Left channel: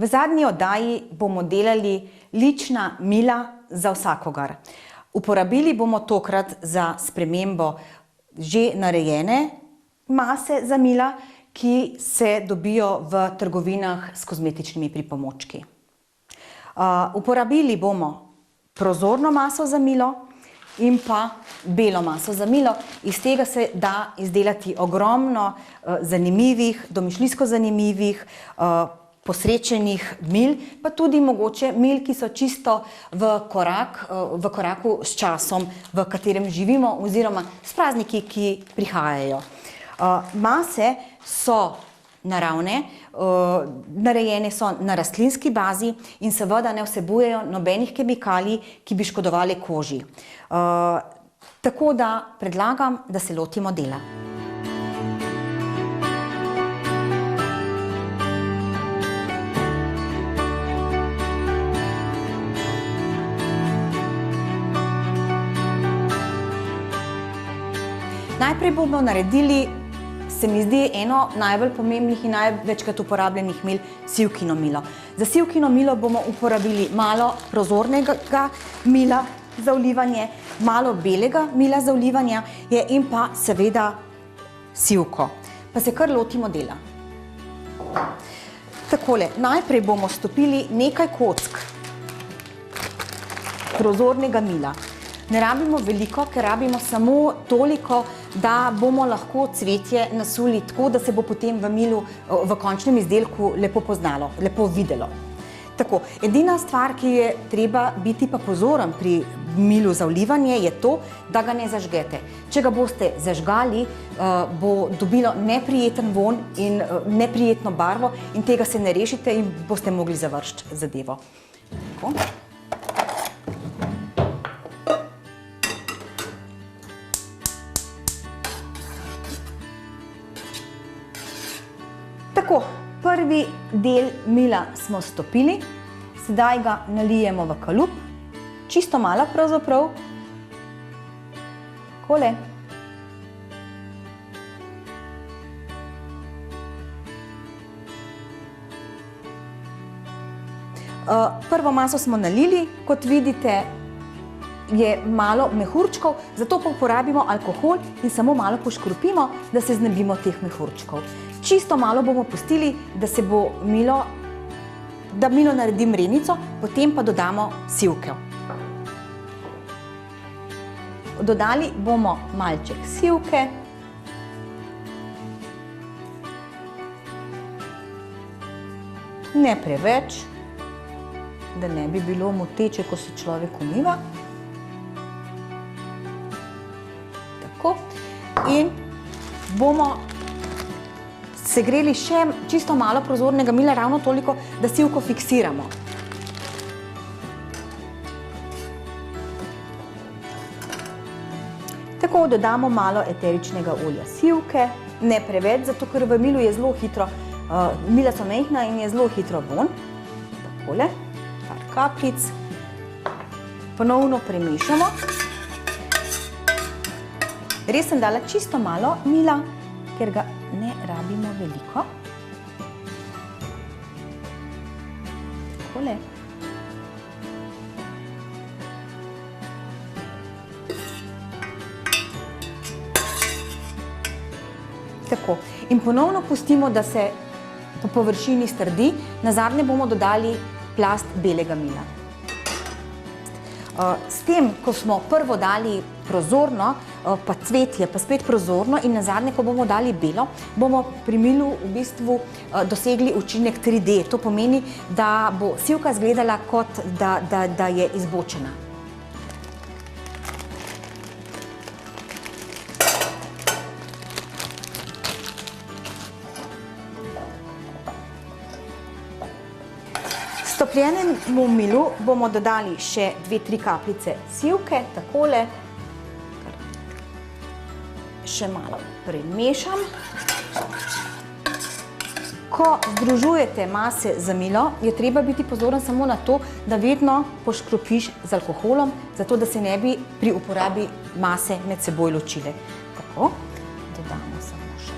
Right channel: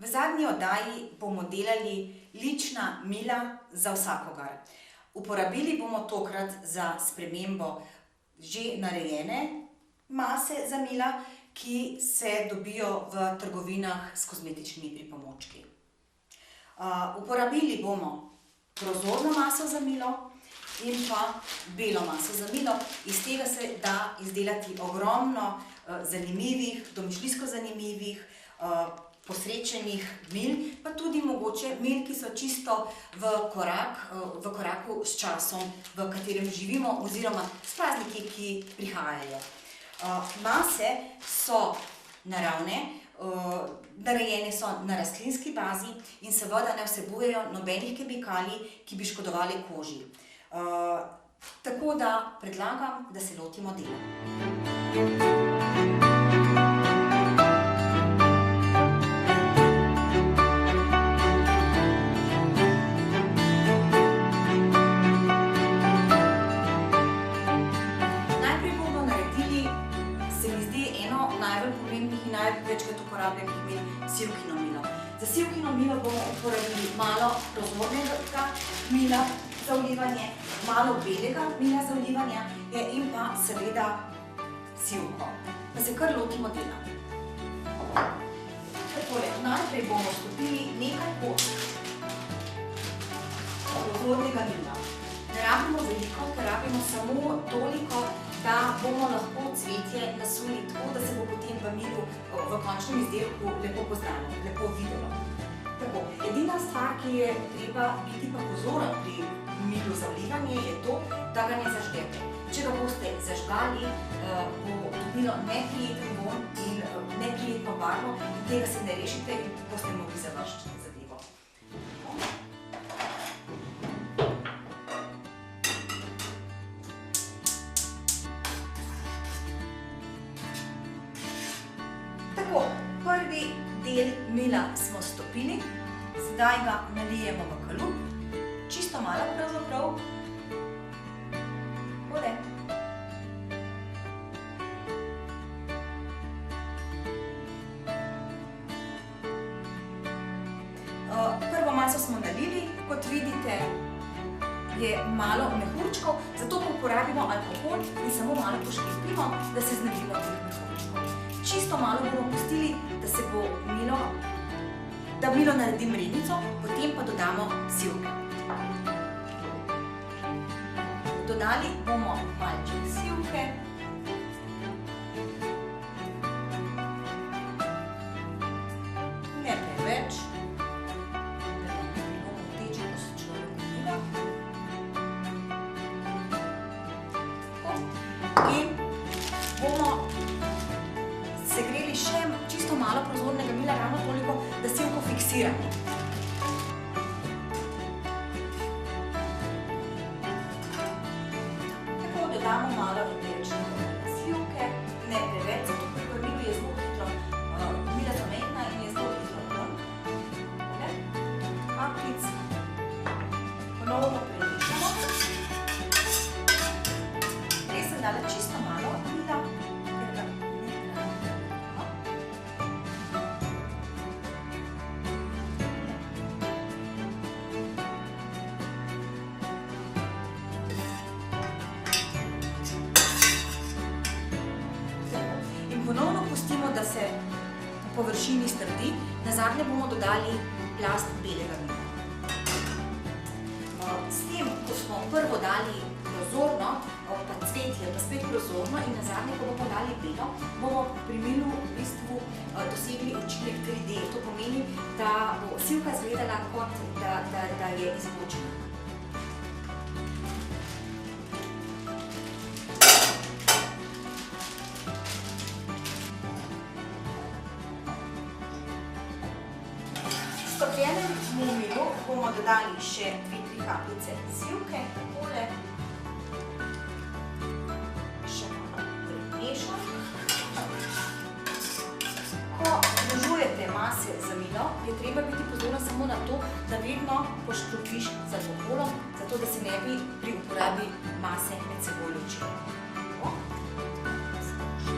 V zadnji oddaji bomo delali lična mila za vsakogar. Uporabili bomo tokrat za spremembo že narejene mase za mila, ki se dobijo v trgovinah s kozmetičnimi pripomočki. Uporabili bomo prozorno maso za milo in pa belo maso za milo. Iz tega se da izdelati ogromno zanimivih, domišljijsko zanimivih, posrečenih mil, pa tudi mogoče mil, ki so čisto v koraku s časom, v katerem živimo, oziroma s prazniki, ki prihajajo. Mase so naravne, narejene so na rastlinski bazi in seveda ne vsebujejo nobenih kemikalij, ki bi škodovali koži. Tako da predlagam, da se lotimo dela. Najprej bomo naredili, se mi zdi, eno najbolj pomembnih in največkrat uporabljenih mil, sivkino milo. Za sivkino milo bomo uporabili malo prozornega mila za vlivanje, malo belega mila za vlivanje in pa seveda sivko. Pa se kar lotimo dela. Takole, najprej bomo stopili nekaj kock prozornega mila. Ne rabimo veliko, ker rabimo samo toliko, da bomo lahko cvetje nasuli tako, da se bo potem v milu, v končnem izdelku lepo poznalo, lepo videlo. Tako, edina stvar, ki je treba biti pa pozoren pri milu za vlivanje, je to, da ga ne zažgete. Če ga boste zažgali, bo dobilo neprijeten vonj in neprijetno barvo in tega se ne rešite in boste mogli završiti zadevo. Tako. Tako, prvi del mila smo stopili, sedaj ga nalijemo v kalup, čisto malo pravzaprav, takole. Prvo maso smo nalili, kot vidite, je malo mehurčkov, zato pa uporabimo alkohol in samo malo poškropimo, da se znebimo teh mehurčkov. Čisto malo bomo pustili, da se bo milo, da milo naredi mrenico, potem pa dodamo sivke. Dodali bomo malček sivke. Ne preveč, da ne bi bilo moteče, ko se človek umiva. Tako. In bomo segreli še čisto malo prozornega mila, ravno toliko, da sivko fiksiramo. Tako dodamo malo eteričnega olja sivke, ne preveč, zato ker v milu je zelo hitro, mila so majhna in je zelo hitro vonj. Takole, par kapljic. Ponovno premešamo. Res sem dala čisto malo mila, ker ga ne rabimo veliko. Takole. Tako. In ponovno pustimo, da se po površini strdi. Nazadnje bomo dodali plast belega mila. S tem, ko smo prvo dali prozorno, pa cvetje, pa spet prozorno in nazadnje, ko bomo dali belo, bomo pri milu v bistvu dosegli učinek 3D. To pomeni, da bo sivka izgledala kot da je izbočena. Stopljenemu milu bomo dodali še 2-3 kapljice sivke, takole. Še malo premešam. Ko združujete mase za milo, je treba biti pozoren samo na to, da vedno poškropiš z alkoholom, zato da se ne bi pri uporabi mase med seboj ločile. Tako. Dodamo samo še.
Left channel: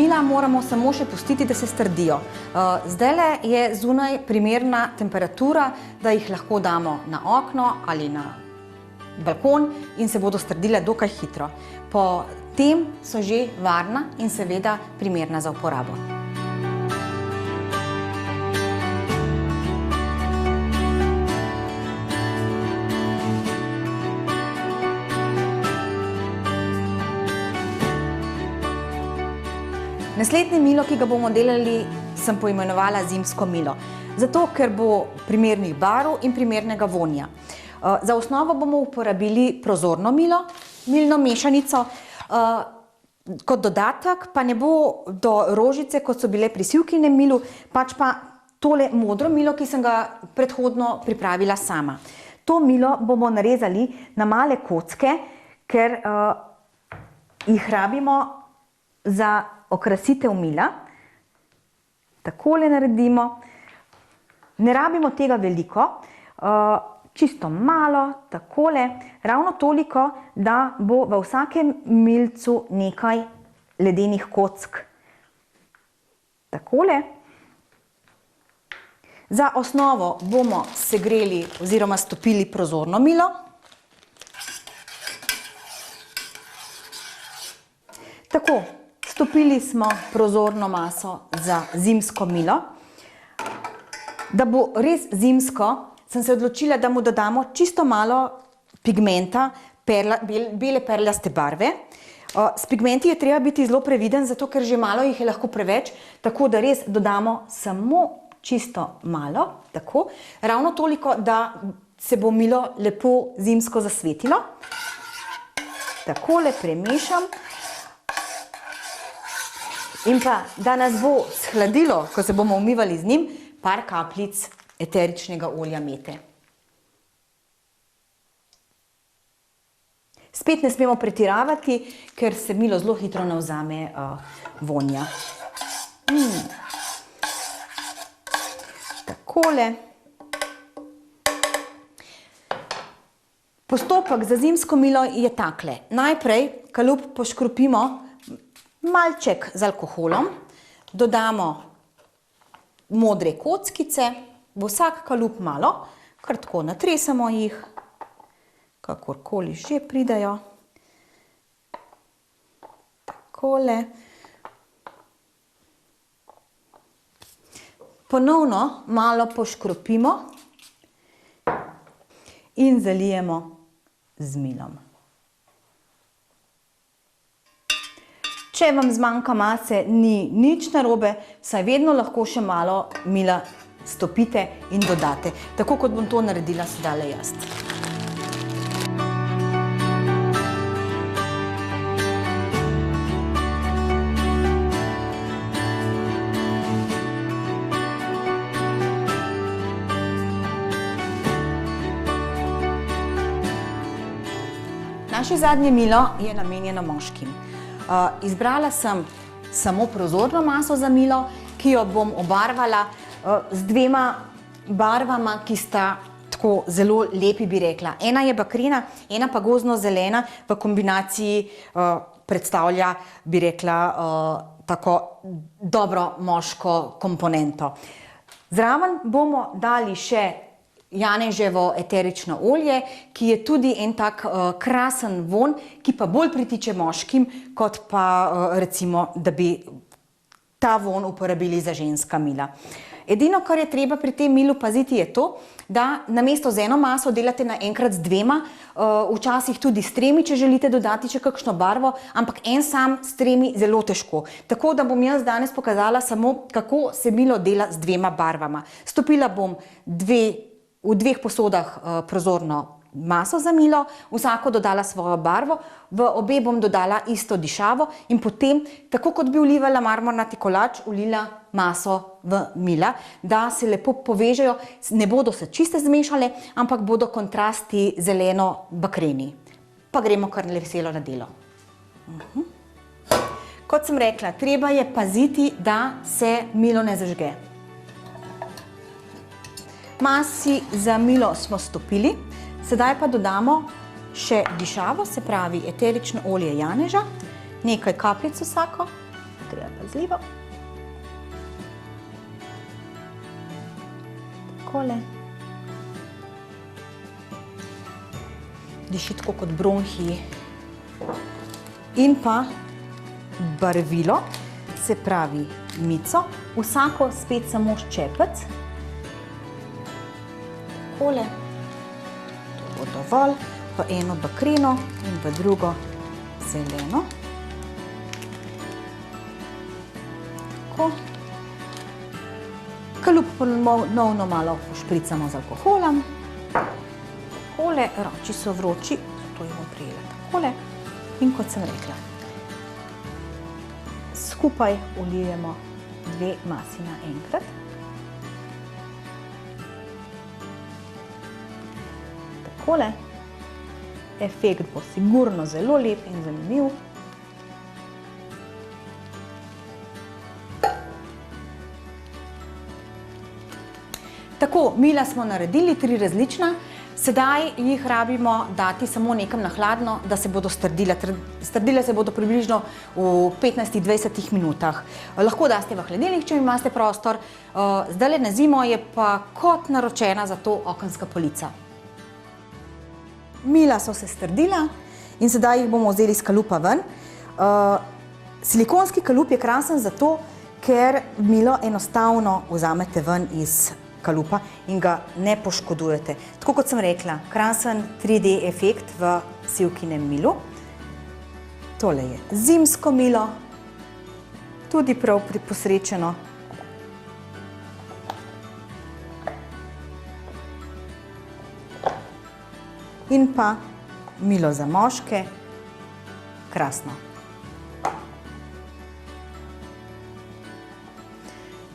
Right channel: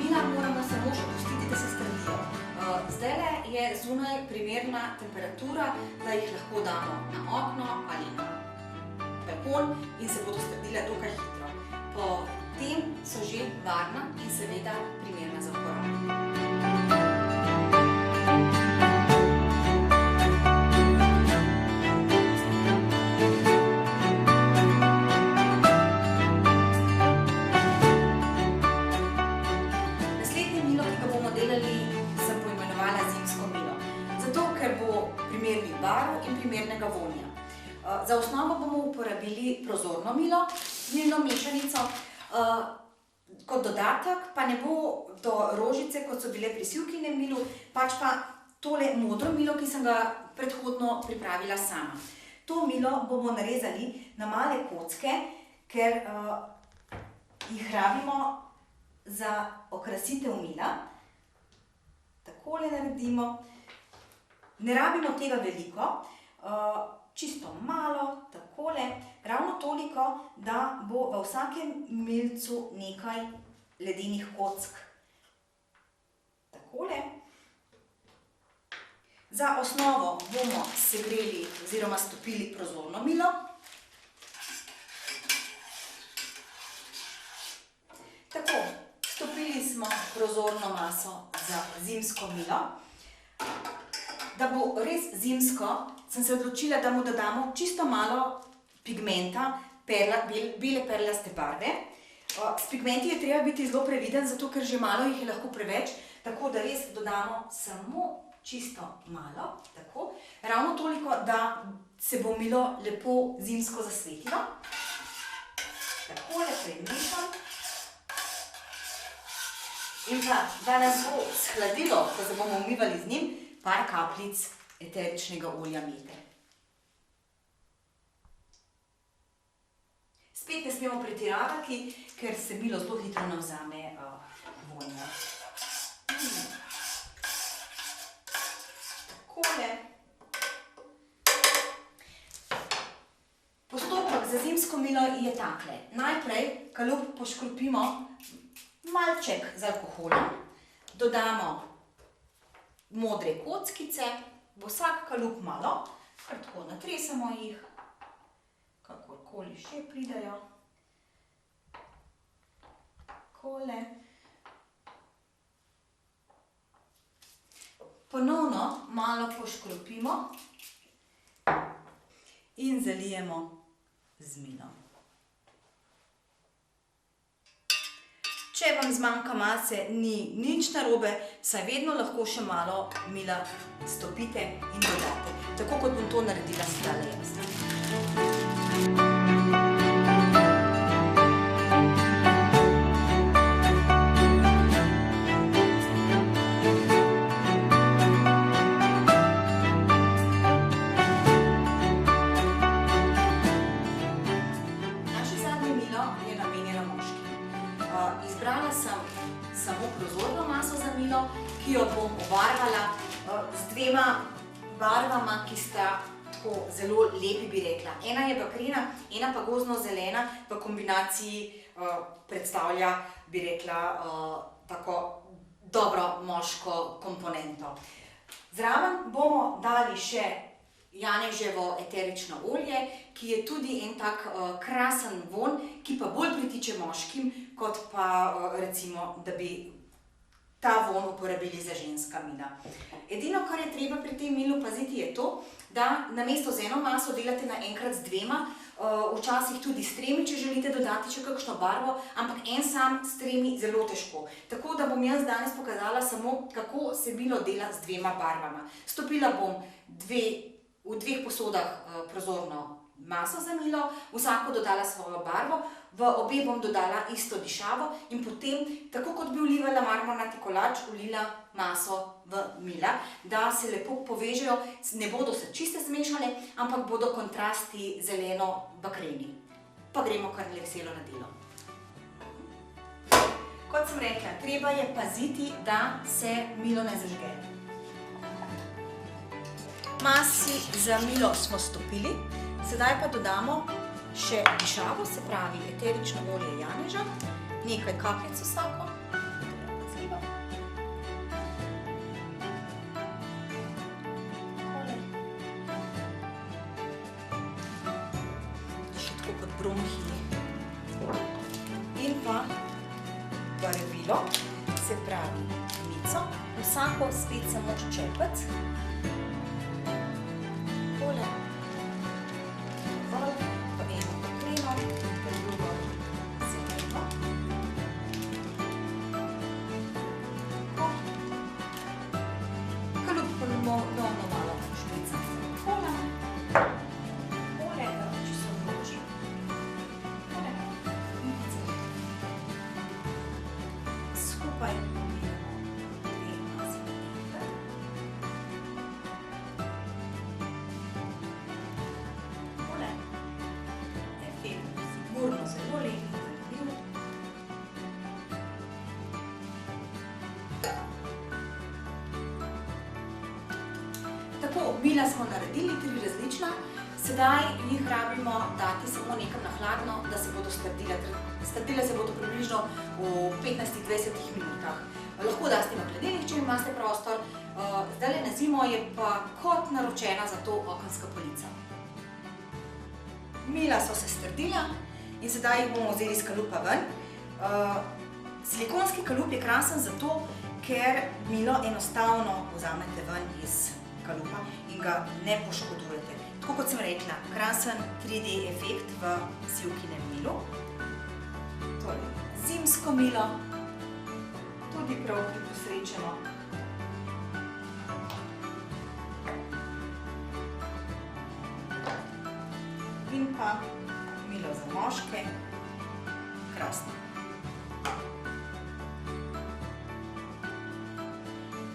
mila moramo samo še pustiti, da se strdijo. Zdajle je zunaj primerna temperatura, da jih lahko damo na okno ali na balkon in se bodo strdile dokaj hitro. Po tem so že varna in seveda primerna za uporabo. Naslednje milo, ki ga bomo delali, sem poimenovala zimsko milo. Zato, ker bo primernih barv in primernega vonja. Za osnovo bomo uporabili prozorno milo, milno mešanico. Kot dodatek pa ne bo do rožice, kot so bile pri sivkinem milu, pač pa tole modro milo, ki sem ga predhodno pripravila sama. To milo bomo narezali na male kocke, ker jih rabimo za okrasitev mila. Takole naredimo. Ne rabimo tega veliko, čisto malo, takole, ravno toliko, da bo v vsakem milcu nekaj ledenih kock. Takole. Za osnovo bomo segreli oziroma stopili prozorno milo. Tako. Stopili smo prozorno maso za zimsko milo. Da bo res zimsko, sem se odločila, da mu dodamo čisto malo pigmenta, bele perlaste barve. S pigmenti je treba biti zelo previden, zato ker že malo jih je lahko preveč, tako da res dodamo samo čisto malo, tako. Ravno toliko, da se bo milo lepo zimsko zasvetilo. Takole premešam. In pa, da nas bo shladilo, ko se bomo umivali z njim, par kapljic eteričnega olja mete. Spet ne smemo pretiravati, ker se milo zelo hitro navzame vonja. Takole. Postopek za zimsko milo je takle. Najprej kalup poškropimo malček z alkoholom, dodamo modre kockice, v vsak kalup malo, kar tako natresamo jih, kakorkoli že pridejo. Takole. Ponovno malo poškropimo in zalijemo z milom. Če vam zmanjka mase, ni nič narobe, saj vedno lahko še malo mila stopite in dodate, tako kot bom to naredila sedajle jaz. Naše zadnje milo je namenjeno moškim. Izbrala sem samo prozorno maso za milo, ki jo bom obarvala z dvema barvama, ki sta tako zelo lepi, bi rekla. Ena je bakrena, ena pa gozdno-zelena, v kombinaciji predstavlja, bi rekla, tako dobro moško komponento. Zraven bomo dali še janeževo eterično olje, ki je tudi en tak krasen vonj, ki pa bolj pritiče moškim, kot pa recimo, da bi ta vonj uporabili za ženska mila. Edino, kar je treba pri tem milu paziti, je to, da namesto z eno maso delate naenkrat z dvema, včasih tudi s tremi, če želite dodati še kakšno barvo, ampak en sam s tremi zelo težko. Tako da bom jaz danes pokazala samo, kako se milo dela z dvema barvama. Stopila bom v dveh posodah prozorno maso za milo, vsako dodala svojo barvo, v obe bom dodala isto dišavo in potem, tako kot bi vlivala marmornati kolač, vlila maso v mila, da se lepo povežejo, ne bodo se čiste zmešale, ampak bodo kontrasti zeleno-bakreni. Pa gremo kar veselo na delo. Kot sem rekla, treba je paziti, da se milo ne zažge. Masi za milo smo stopili, sedaj pa dodamo še dišavo, se pravi eterično olje janeža, nekaj kapljic vsako, treba pazljivo. Takole. Diši tako kot bronhiji. In pa barvilo, se pravi mico, vsako spet samo ščepec. Takole. To bo dovolj. V eno bakreno in v drugo zeleno. Tako. Kalup ponovno malo pošpricamo z alkoholom. Takole, roči so vroči, to je prijela takole. In kot sem rekla, skupaj vlijemo 2 masi naenkrat. Takole. Efekt bo sigurno zelo lep in zanimiv. Tako, mila smo naredili 3 različna. Sedaj jih rabimo dati samo nekam na hladno, da se bodo strdile. Strdile se bodo približno v 15-20 minutah. Lahko daste v hladilnik, če imate prostor. Zdajle na zimo je pa kot naročena za to okenska polica. Mila so se strdila in sedaj jih bomo vzeli iz kalupa ven. Silikonski kalup je krasen zato, ker milo enostavno vzamete ven iz kalupa in ga ne poškodujete. Tako kot sem rekla, krasen 3D efekt v sivkinem milu. Tole je zimsko milo, tudi prav posrečeno. In pa milo za moške, krasno.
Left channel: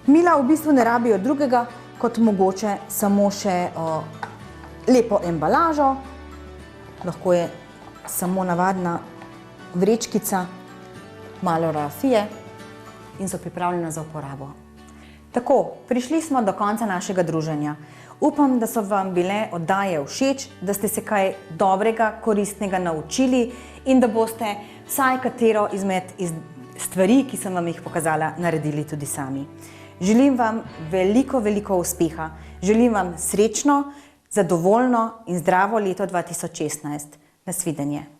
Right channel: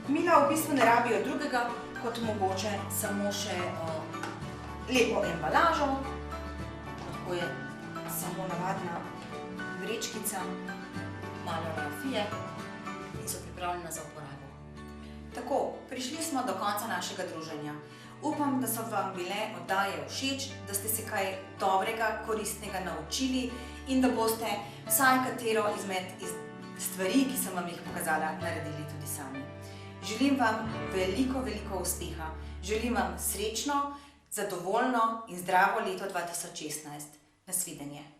Mila v bistvu ne rabijo drugega, kot mogoče samo še lepo embalažo. Lahko je samo navadna vrečkica, malo rafije in so pripravljena za uporabo. Tako, prišli smo do konca našega druženja. Upam, da so vam bile oddaje všeč, da ste se kaj dobrega, koristnega naučili in da boste vsaj katero izmed stvari, ki sem vam jih pokazala, naredili tudi sami. Želim vam veliko, veliko uspeha. Želim vam srečno, zadovoljno in zdravo leto 2016. Nasvidenje.